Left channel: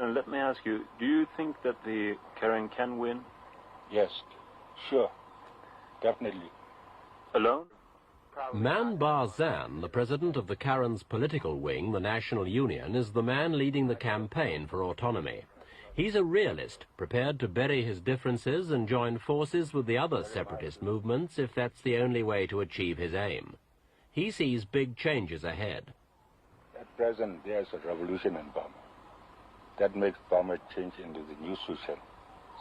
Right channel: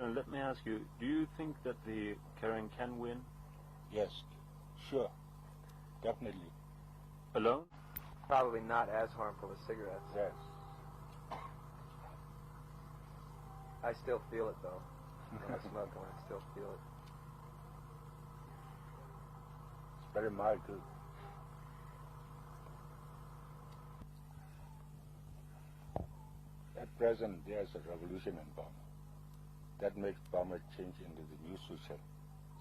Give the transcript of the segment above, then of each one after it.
Let me ask you, do you think that the Karen can win? Yes, sure, definitely. Alone? Mahn Ba, the president of the Karen's political wing, the National Union, is the man leading the campaign for autonomy. He's a realist, prepared to bury his differences and join forces with the other separatist movements if that's the only way to achieve his aim. He sees big changes ahead. At present, there's a revolution in Burma. That makes Burma change into the new social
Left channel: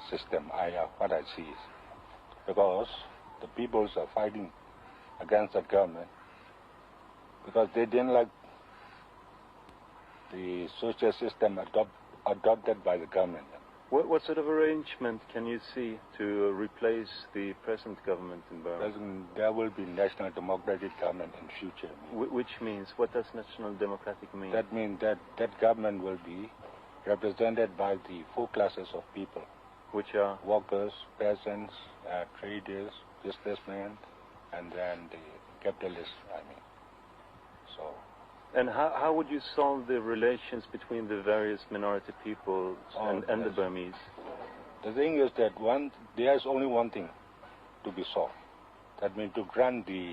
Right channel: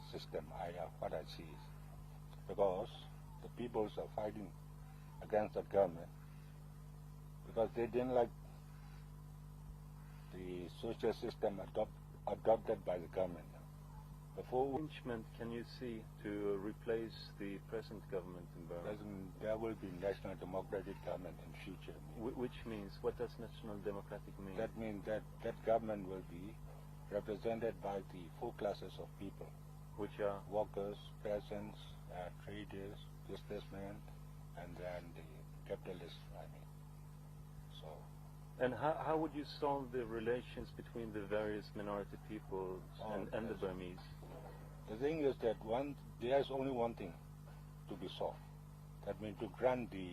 system. What I see is because the peoples are fighting against the government because they didn't like the social system adopted by the government. What sort of arrangement can you see to replace the present government in Burma? There will be national democratic government in future. Which means, what does national democratic mean? That means that government will be represented by the four classes of people. Which are? Workers, peasants, traders, businessmen, and then the capitalists, So. And how would you solve the relations between the various minority peoples and the Burmese? The thing is that there's only one thing to be solved. That means to grant the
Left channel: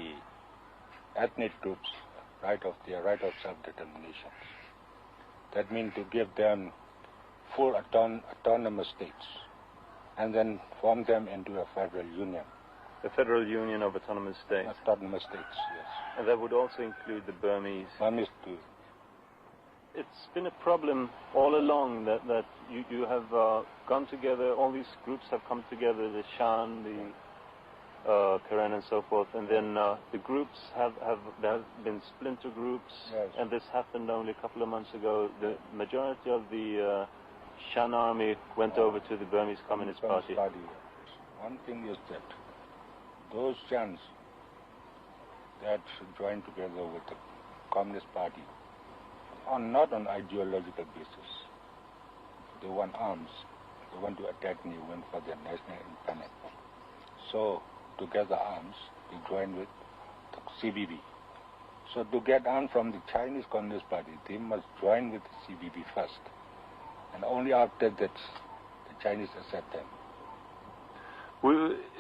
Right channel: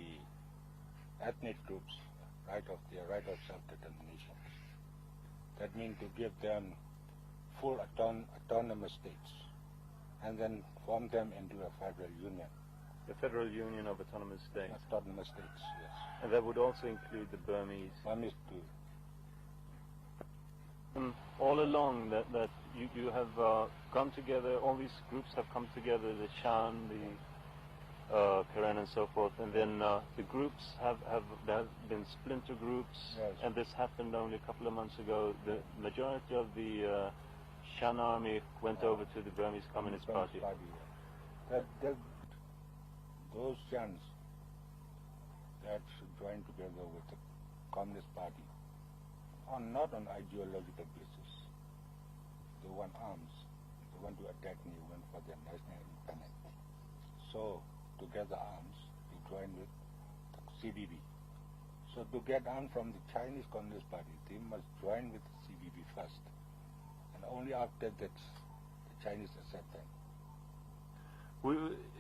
ethnic groups their right of self-determination. That means to give them full autonomous states and then form them into a federal union. A federal union of autonomous states? Autonomous states, yes. And that would also include the Burmese? Burmese too. It's been a problem all along that you have gone together, all these groups have come together, the Shan, the Karen and so forth, and then the groups there have been splinter groups, yes. And this happened only a couple of months ago. The majority of the Shan army went over to the Burmese Communist Party. One thing is that those Shans that join together with the Communist Party are not on ideological basis. They want arms. They want to attack New Win for their national independence. So, to get the arms, they join with the CBB. So, to get arms from the Chinese Communist Party, they must join with the CBB first. And only after that, the Chinese accept them.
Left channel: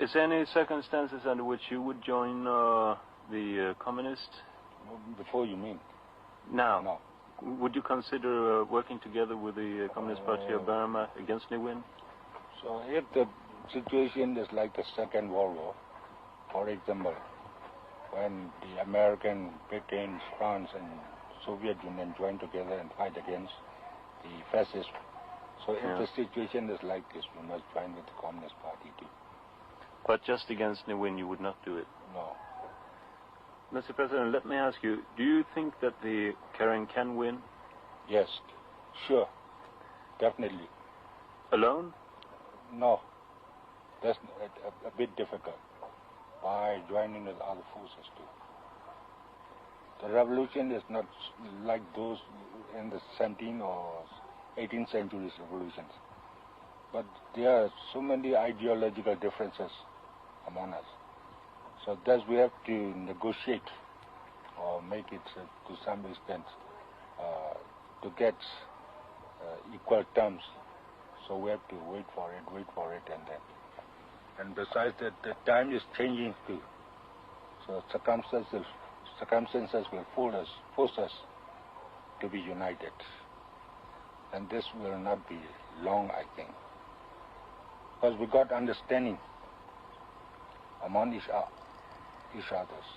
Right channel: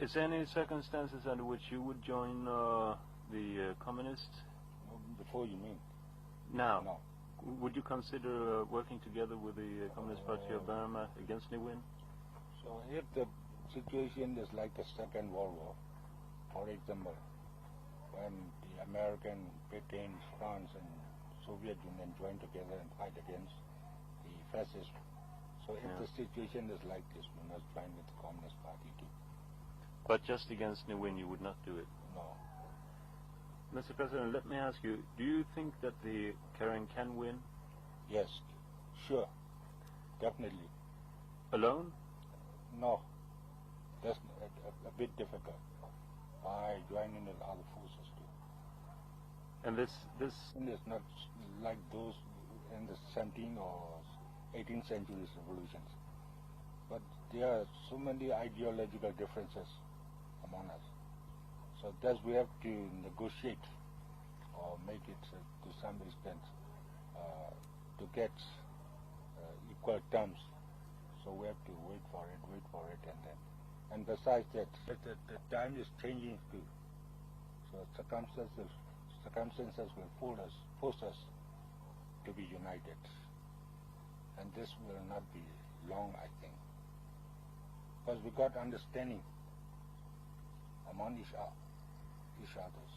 Is there any circumstances under which you would join the communists? Before you mean? Now? No. Would you consider working together with the Communist Party of Burma against New Win? So if the situation is like the Second World War, for example, when the American, Britain, France and Soviet Union joined together and fight against the fascists, so if the situation is like this, we must join with the Communist Party too. But just against New Win, you would not do it? No. Mr. President, let me ask you, do you think that the Karen can win? Yes, sure, definitely. Alone? No, that's a bit difficult. By joining with other forces too. And the revolution is not like those in the 17th or 18th century's revolutions. But there are so many ideological differences among us. So thus we have to negotiate or make it to some extent to get equal terms. So we have to wait for it and then. And besides that, the time is changing too. So circumstances will force us to be united. And this will not be long, I think. Because we got understanding among each others.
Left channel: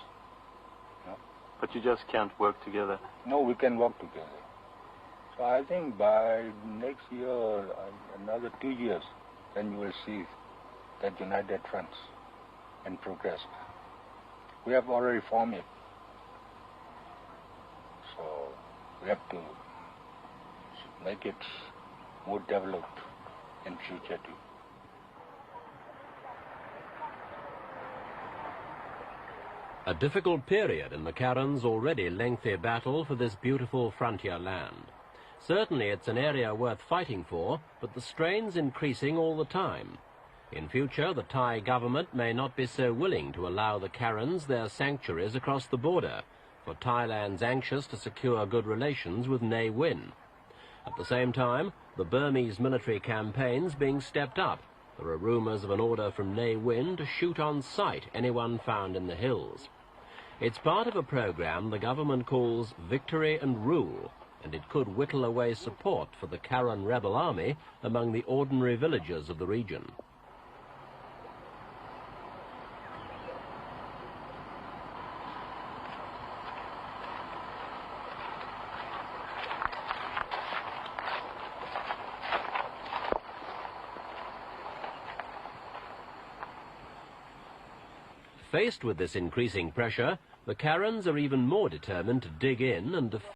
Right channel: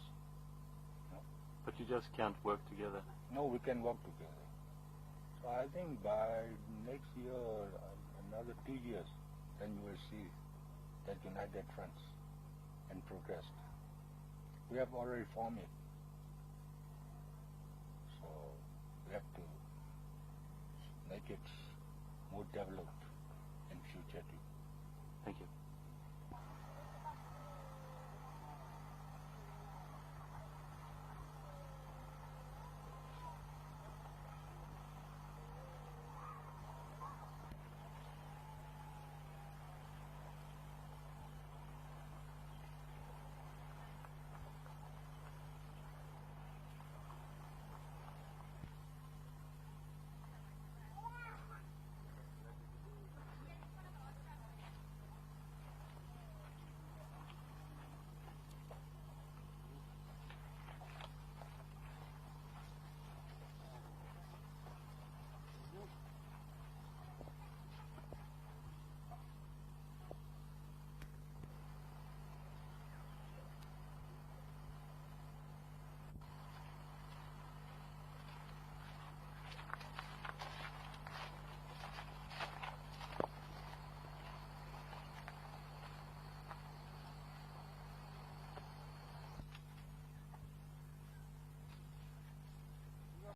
No? But you just can't work together? No, we can work together. So I think by next year or another 2 years, then you will see that united front and progress. We have already formed it. So we have to make it more developed in future too. A difficult period in the Karen's already lengthy battle for this beautiful frontier land. Certainly it's an area worth fighting for, but the strain's increasing all the time. In future, the Thai government may not be so willing to allow the Karens their sanctuaries across the border, for Thailand's anxious to secure good relations with Ne Win. At the same time, the Burmese military campaign's being stepped up. There are rumours of an order from Ne Win to shoot on sight anyone found in the hills. It's part of a programme the government calls Victory and Rule, and it could whittle away support for the Karen rebel army among the ordinary villagers of the region. Faced with this increasing pressure, the Karens are even more determined to dig in and defend